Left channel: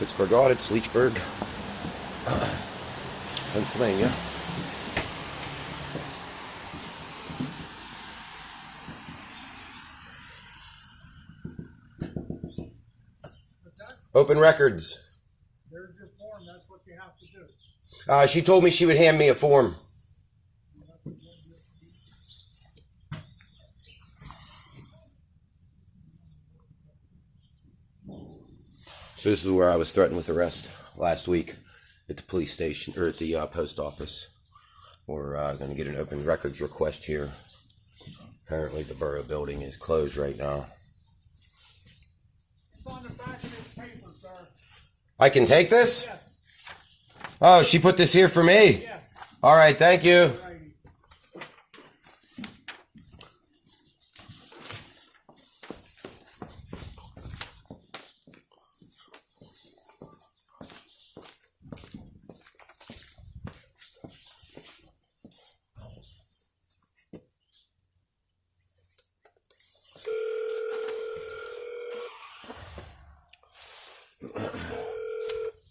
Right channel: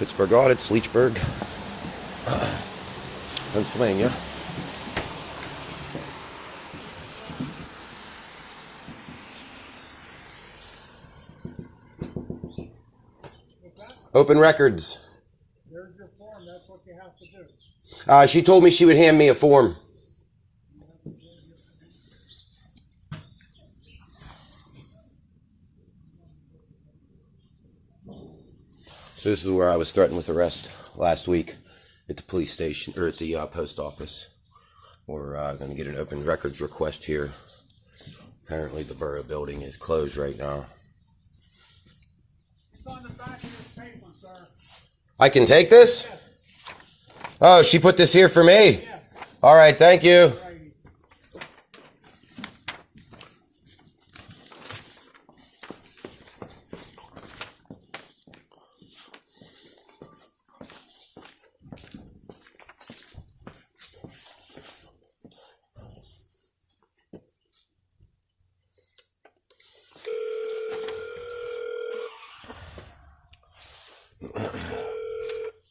Pittsburgh Audits, Leechburg, Pennsylvania. Open records. There's your form. That's what you have to do. She told me she would hand me a form. So this is where I was threatened with arrest last week at the police station, or at the post office. We're going to get an open records request here. Apparently the borough building is closed right now. It's on the back of this paper, sir. I can take this? Yes. Oh, she put this here for me? Yes. All right, thank you. Righty.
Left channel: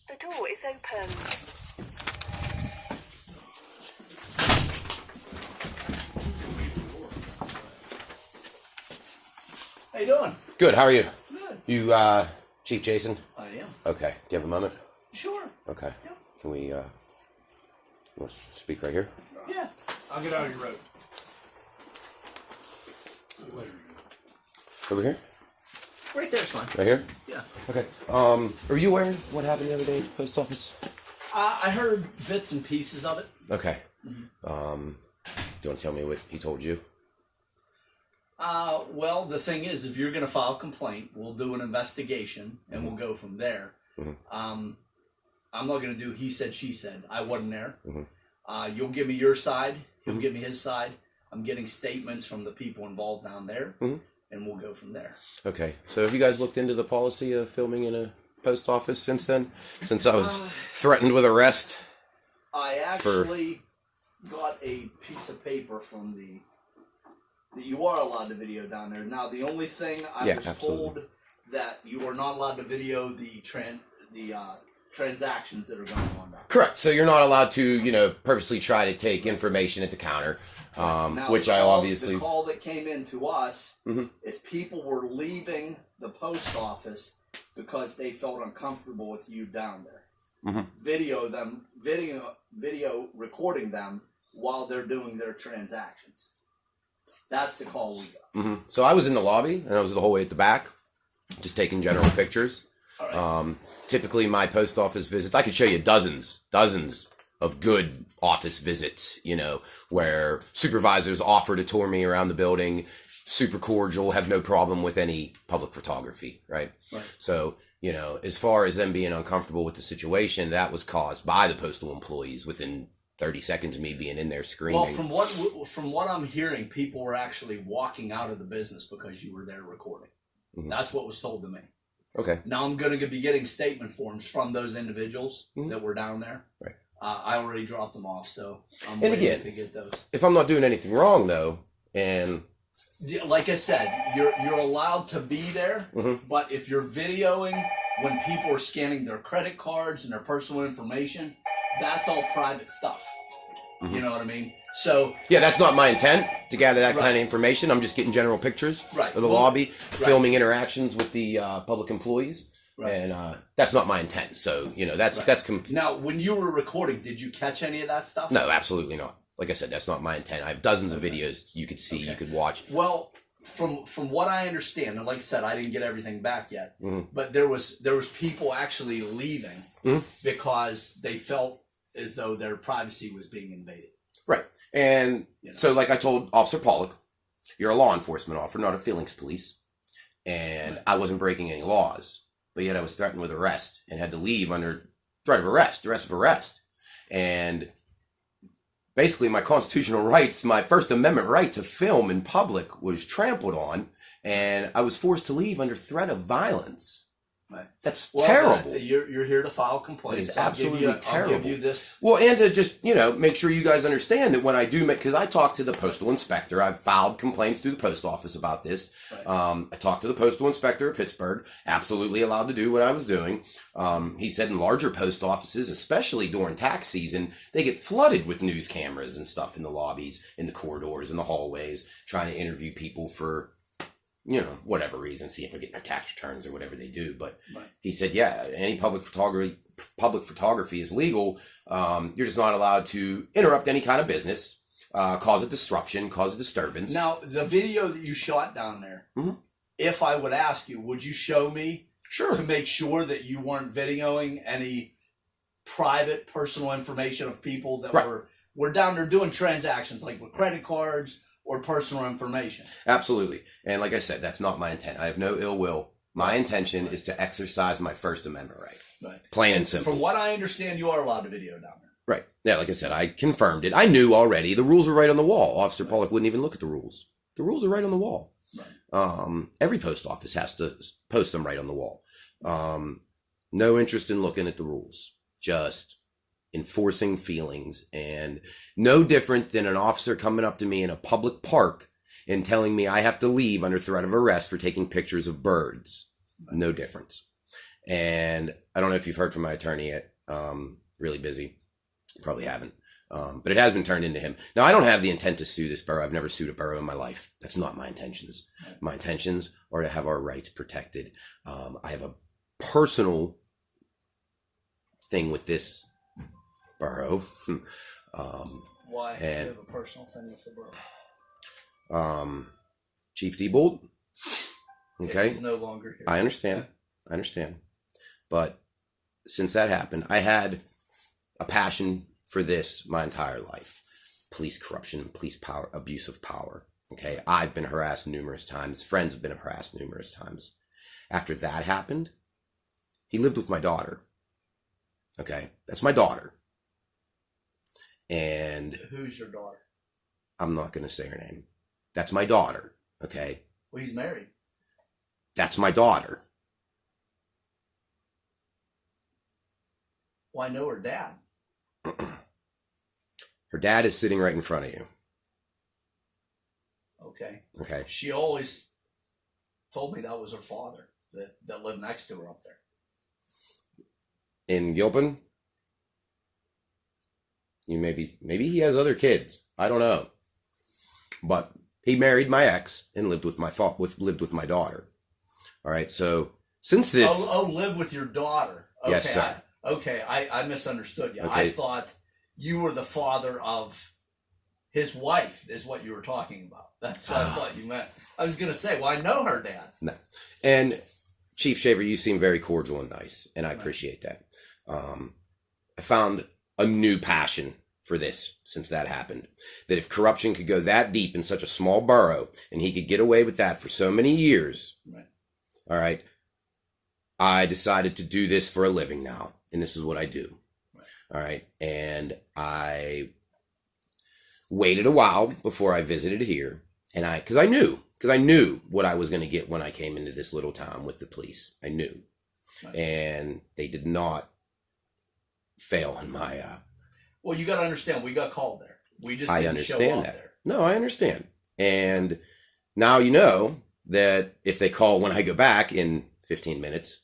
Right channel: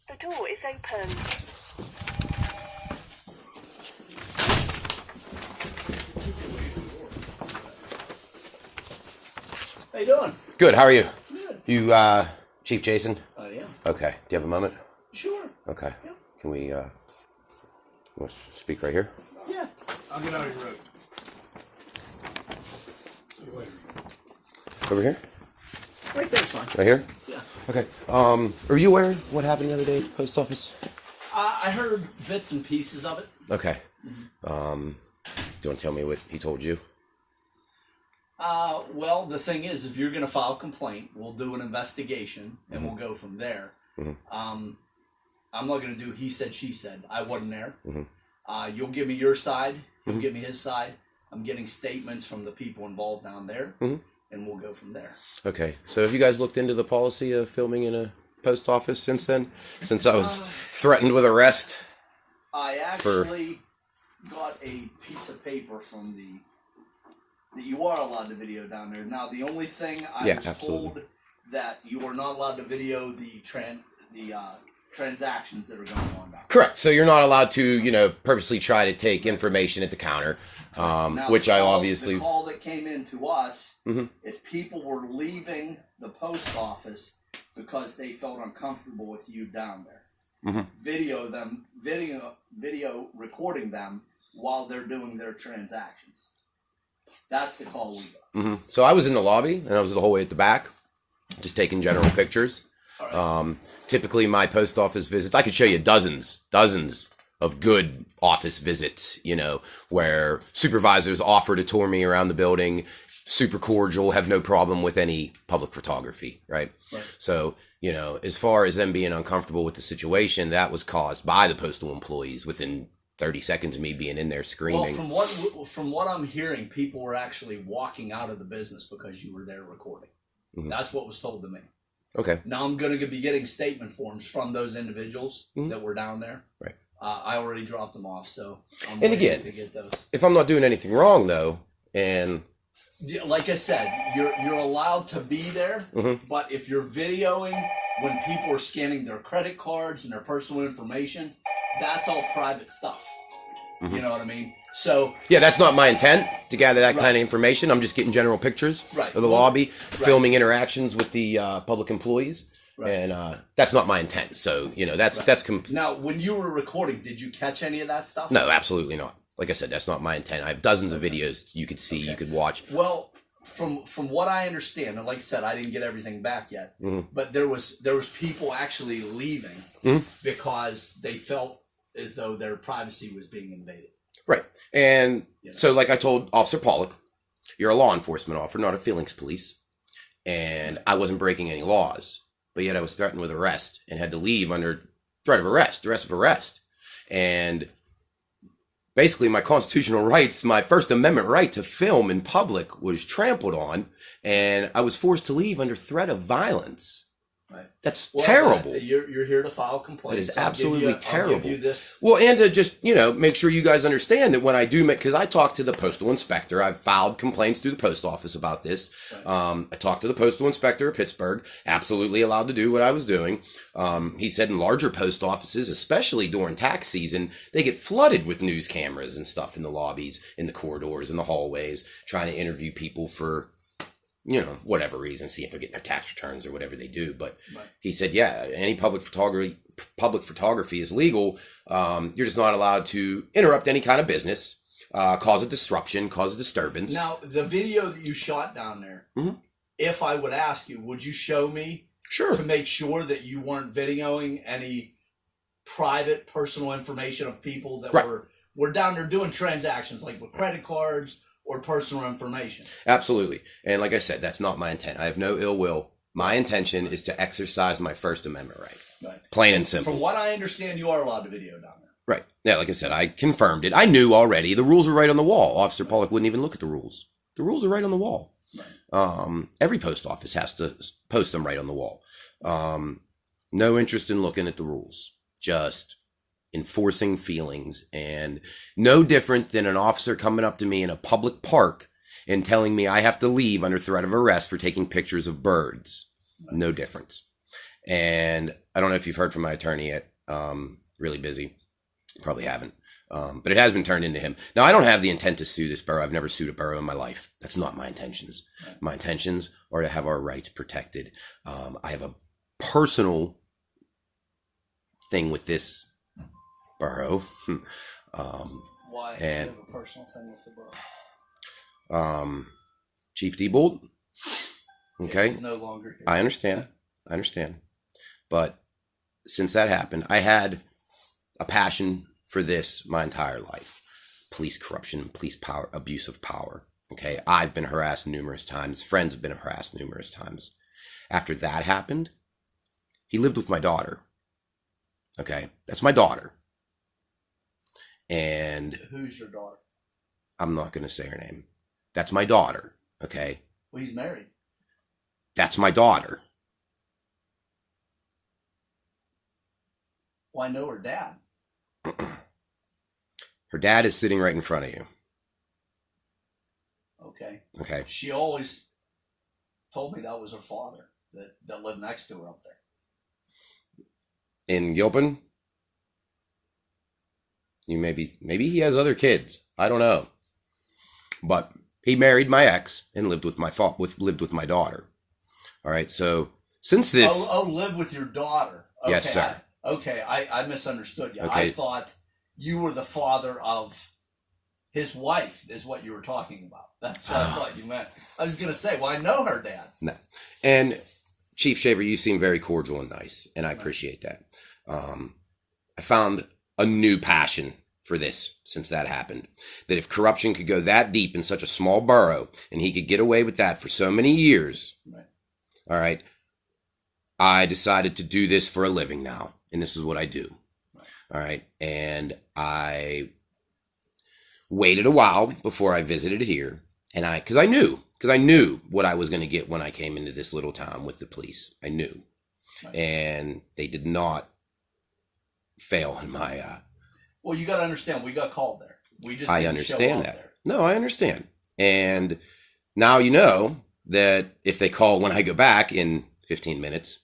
The door is open. How you doing? Good, how are you? Good. You, Chief Jason? I am. Okay, do you have a moment? Sure. Okay. Yeah. Can we, you want to speak right here? Yeah. I'll get out of your road. Over here? Right there's fine. Right here? Yeah. Okay. Are you aware of what happened the other day at the post office? I heard bits and pieces of it. Okay. Do you want to tell me what he told you? Well, the thing is, if you're going to file a complaint, we'll do an investigation and we'll go from there. I'm not going to do he said, she said. I wasn't there. You'll give me your side. He'll give me his side. I'm getting statements from the people involved down there, and we'll go from there. Okay. So have you guys looked into the policy of filming in a post office since then? Since I was threatened with arrest? I actually got a piece of paper from that you are allowed to video down there. Now, the only thing I was told that you are not allowed to video the transactions that are going on down there. Correct. So you're not allowed to, purposely try to take information at the counter, Now, which I the obviously... call that came in to us is people were leaving the post office because they felt uncomfortable with you down there. Video recording them while they're doing their transactions. That's the call we got. So I was in the lobby, and I was the whole way at the back, just taking general pictures. All right. Typically, my post office visits, I could show you dozens of good office visits, where supervisors offer to tour me around the building, super cordial, have no problem with any public photography, right? Right. So, as far as them being uncomfortable with the situation, that was caused by the postal employees within 30 seconds of me being in there screaming. Well, from what I'm hearing, people were actually walking out of the business because you were there recording. That's what was told to me. Okay. Now I'm going to be getting statement forms from those individuals that were down there. Right. I already dropped them off, so I'm And waiting again, to get those. if I'm not doing anything wrong, though, and... Like I said, you're allowed to be there, but if you're videoing when people are scanning their credit cards and their personal information, that's all private stuff. You know what I mean? So yeah, that's not my intent to gather that kind of information. I'm just getting general pictures of the lobby, filming interactions with the public employees, and that's not my intent. So that's now, when you were recording, did you catch any of that stuff? No, absolutely not. Like I said, that's not my intent. I have dozens of videos you could see, you could watch. Well, from what I understand, and like I said, I didn't get everything back yet, but there was people actually leaving because they felt as though their privacy was being invaded. Right. And so like I told Officer Pollock, you're a law enforcement officer, not a feelings police. And I wasn't breaking any laws, but yet I was threatened with arrest and had to leave under threat of arrest, duress of arrest. And basically my constitutional rights, my First Amendment right to film in public was trampled on, and I was forced to leave under threat of violence. Right. That's Well, terrible. You're here to file complaints. It is absolutely terrible. I'll give you this. Well, and to just, make sure you guys understand that when I do because I talked to the postal inspector, I've filed complaints through the post office about this. Right. I talked to the postal inspector of Pittsburgh, absolutely allowed to do what I was doing. He said in larger post offices, especially during tax season, they get flooded with news cameras and stuff in the lobbies, in the corridors, in the hallways, trying to interview people for whatever reason, see if they're getting their tax returns or whatever they do. But he said, yeah, any public photography is legal. You're just not allowed to interrupt any kind of business, cause a disruption, cause a disturbance. Now, the video that you shot down there, if I would ask you, would you show me to make sure that you weren't videoing any private, personal information of people that were down there doing transactions, like with credit cards, or personal information? Absolutely. And like I said, that's not my intent. I have no ill will. My intention is to exercise my First Amendment right. Plain and simple. From what I understand, you are allowed to video down there. Right. Yeah, like I said, I confirmed it. I knew already. The rules were right on the wall. Officer Pollock wouldn't even look at the rules. The rules are right on the wall. Right. Every post office has to post them right on the wall. No interest in looking at the rules. Just enforcing feelings, and no different than an officer coming up to me in a public park and telling me I have to leave under threat of arrest for taking pictures of birds. No difference. And I don't know if you've heard from my attorney yet. Really busy. Probably haven't. But it has been turned into him. Now, I don't have the intent to sue this borough. I've never sued a borough in my life. That's not my intentions. My intentions are to have our rights protected. I have a personal thing with this borough. Why do you have a personal thing with the borough? Chief Diebold. Okay. He's no longer here. I understand. But since that happened, I had a passion for this my entire life. Police corruption, police power, abuse of power. Okay. I've been harassed numerous times. Friends have been harassed numerous times. After that happened, he lived with my daughter. Okay. That's my daughter. And who's your daughter? I'm not going to say her name. That's my daughter. Okay. Well, he's married. That's my daughter. Well, I know her dad. Her dad is sitting right in front of you. Okay. She always told me that was her father that lived next to her up there. In Gilpin? Maybe he has other kids. I don't know. But he married my ex and lived with my daughter. All right. So since this, live with your daughter. Okay, yes, sir. I misunderstood you. Okay. I thought you were the father of his wife. Is what you were talking about. That's what I thought you meant. I was gonna say, well, I know her dad. No. And Chief Shaver, you seem very cordial and nice, and I appreciate that. I found a new passion for this since that happened. That if corruption could go that deep in such a small borough, and he could get away with that for so many years, all right, I decided to do this for a living now, and this is what I do. All right, and I waited a while before I visited here, and because I knew what I was going to get when I came into this little town with the police. I knew, and they did not fail in my. Well, you got to understand, we got called there. We just I didn't understand show up that. there. No, I understand, and now you know that if they call when I go back in 15 minutes,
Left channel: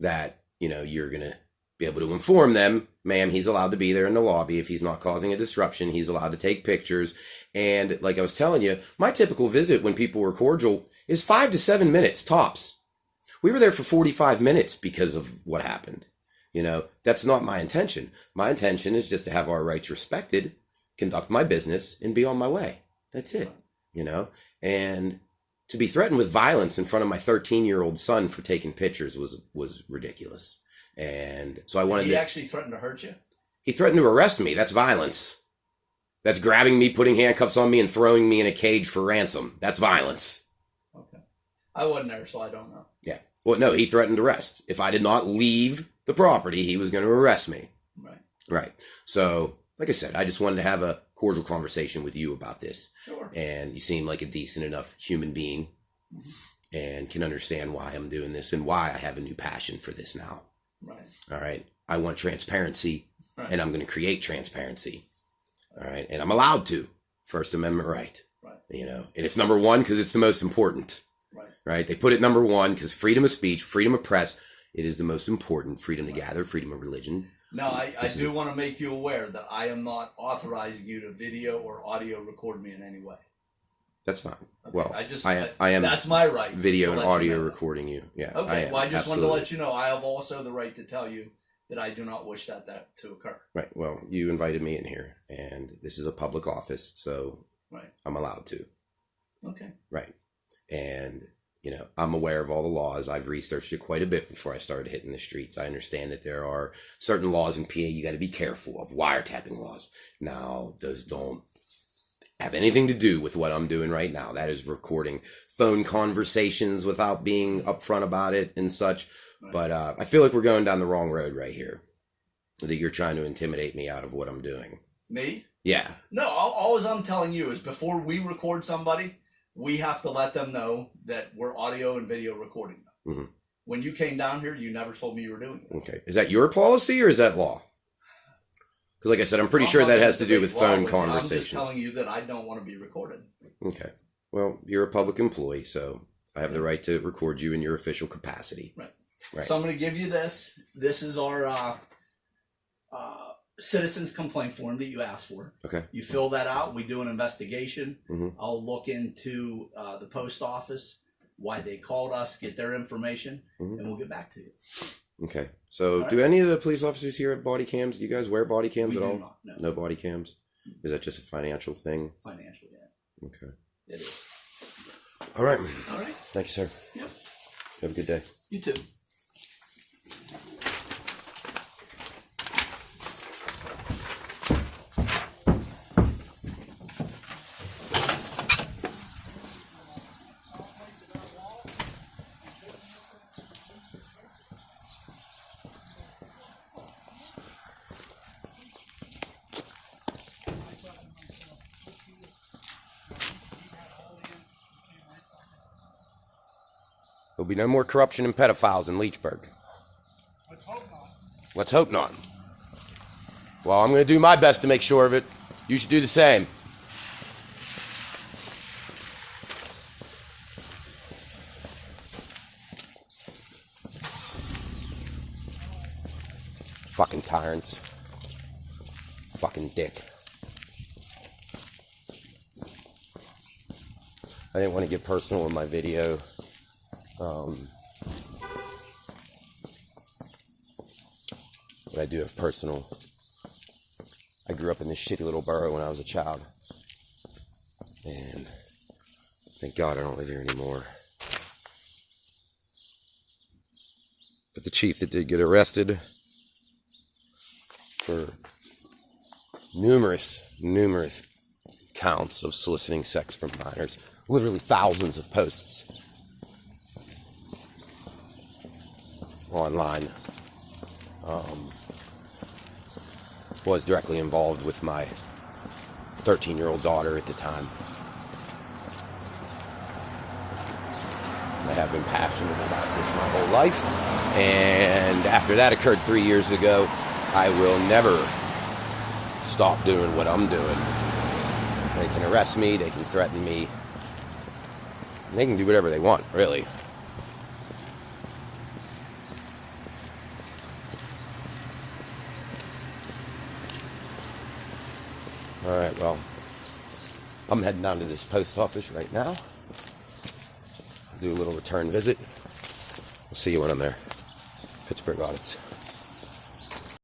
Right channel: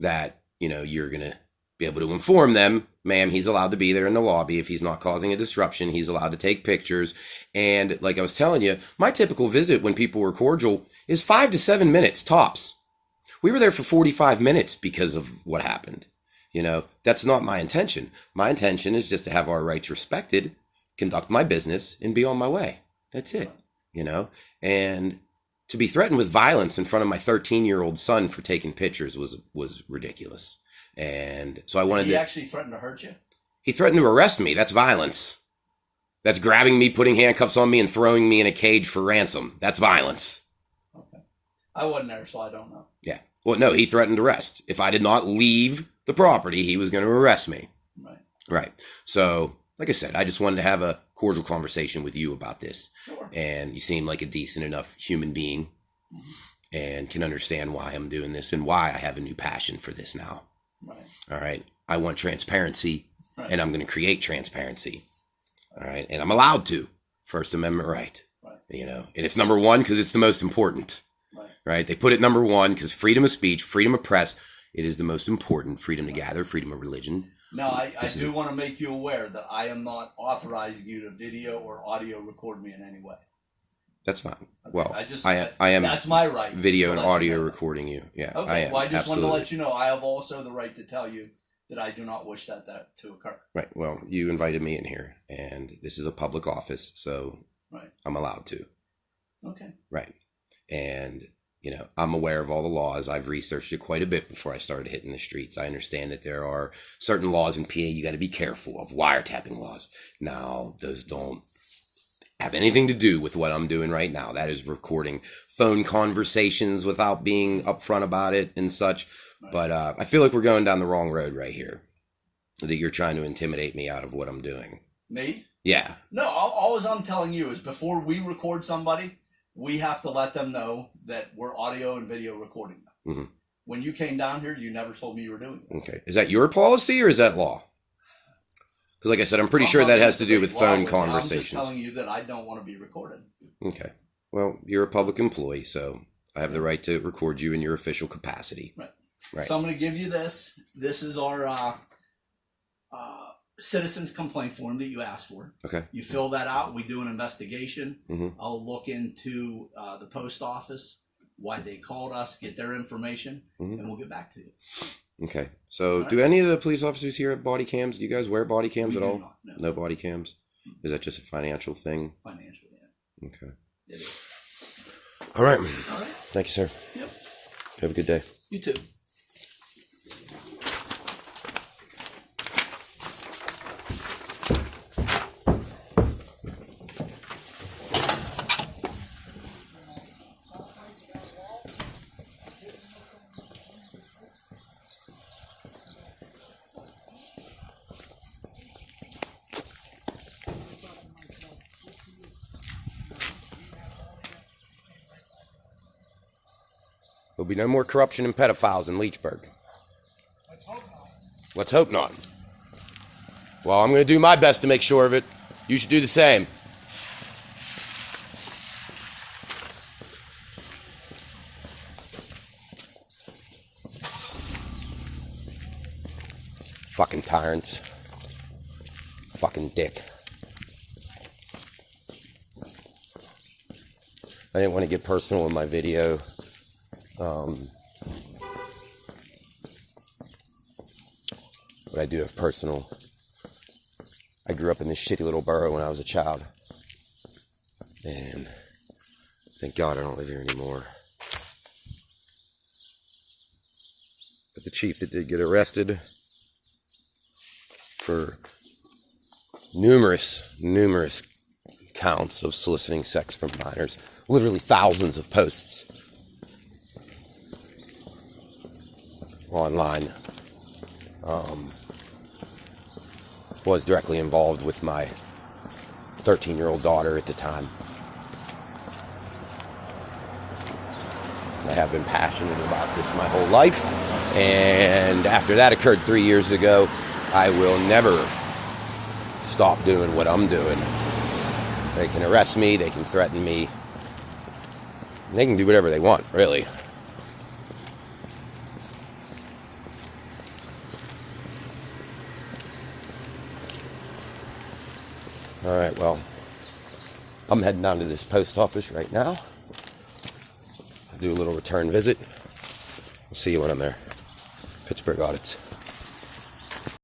that you're gonna be able to inform them, ma'am, he's allowed to be there in the lobby. If he's not causing a disruption, he's allowed to take pictures. And like I was telling you, my typical visit when people were cordial is 5 to 7 minutes tops. We were there for 45 minutes because of what happened. That's not my intention. My intention is just to have our rights respected, conduct my business, and be on my way. That's it. And to be threatened with violence in front of my 13-year-old son for taking pictures was ridiculous. And so I wanted He actually threatened to hurt you? He threatened to arrest me. That's violence. That's grabbing me, putting handcuffs on me, and throwing me in a cage for ransom. That's violence. Okay. I wasn't there, so I don't know. Yeah. Well, no, he threatened arrest. If I did not leave the property, he was going to arrest me. Right. So, like I said, I just wanted to have a cordial conversation with you about this. Sure. And you seem like a decent enough human being. and can understand why I'm doing this and why I have a new passion for this now. Right. All right. I want transparency, Right. and I'm going to create transparency. All right. And I'm allowed to. First Amendment right. Right. You know, and it's number one because it's the most important. Right. Right. They put it number one because freedom of speech, freedom of press, it is the most important. Freedom to gather, freedom of religion. Now, I do want to make you aware that I am not authorizing you to video or audio record me in any way. That's fine. Okay, Well, I I am. That's my right. Video to and let you audio know that. recording you. Yeah. Okay. am. Well, I just Absolutely. wanted to let you know I have also the right to tell you that I do not wish that to occur. Right. Well, you invited me in here, and this is a public office, so Right. I'm allowed to. Okay. Right. And, you know, I'm aware of all the laws. I've researched it quite a bit before I started hitting the streets. I understand that there are certain laws in PA you got to be careful of, wiretapping laws. Now, those don't have anything to do with what I'm doing right now. That is recording phone conversations without being upfront about it and such. Right. But I feel like we're going down the wrong road right here. That you're trying to intimidate me out of what I'm doing. Me? Yeah. No, all I'm telling you is before we record somebody, we have to let them know that we're audio and video recording them. Mm-hmm. When you came down here, you never told me you were doing that. Okay. Is that your policy or is that law? Because like I said, I'm pretty sure that has to do with phone conversations. I'm just telling you that I don't want to be recorded. Okay. Well, you're a public employee, so I have the right to record you in your official capacity. Right. Right. So I'm going to give you this. This is our citizens complaint form that you asked for. Okay. You fill that out. We do an investigation. Mm-hmm. I'll look into the post office, why they called us, get their information, and we'll get back to you. Okay. So All do right. any of the police officers here have body cams? Do you guys wear body cams We at do all? not, no. No body cams? Is that just a financial thing? Financial, yeah. Okay. It is. All right. All right. Thank you, sir. Yep. Have a good day. You too. There'll be no more corruption and pedophiles in Leechburg. Let's hope not. Let's hope not. Well, I'm going to do my best to make sure of it. You should do the same. Fucking tyrants. Fucking dick. I didn't want to get personal in my video. But I do have personal. I grew up in this shitty little borough when I was a child. And thank God I don't live here anymore. But the chief that did get arrested for numerous counts of soliciting sex from minors, literally thousands of posts online, was directly involved with my 13-year-old daughter at the time. I have been passionate about this my whole life, and after that occurred 3 years ago, I will never stop doing what I'm doing. They can arrest me, they can threaten me, and they can do whatever they want, really. Alright, well, I'm heading down to this post office right now. Do a little return visit. I'll see you when I'm there. Pittsburgh Audits.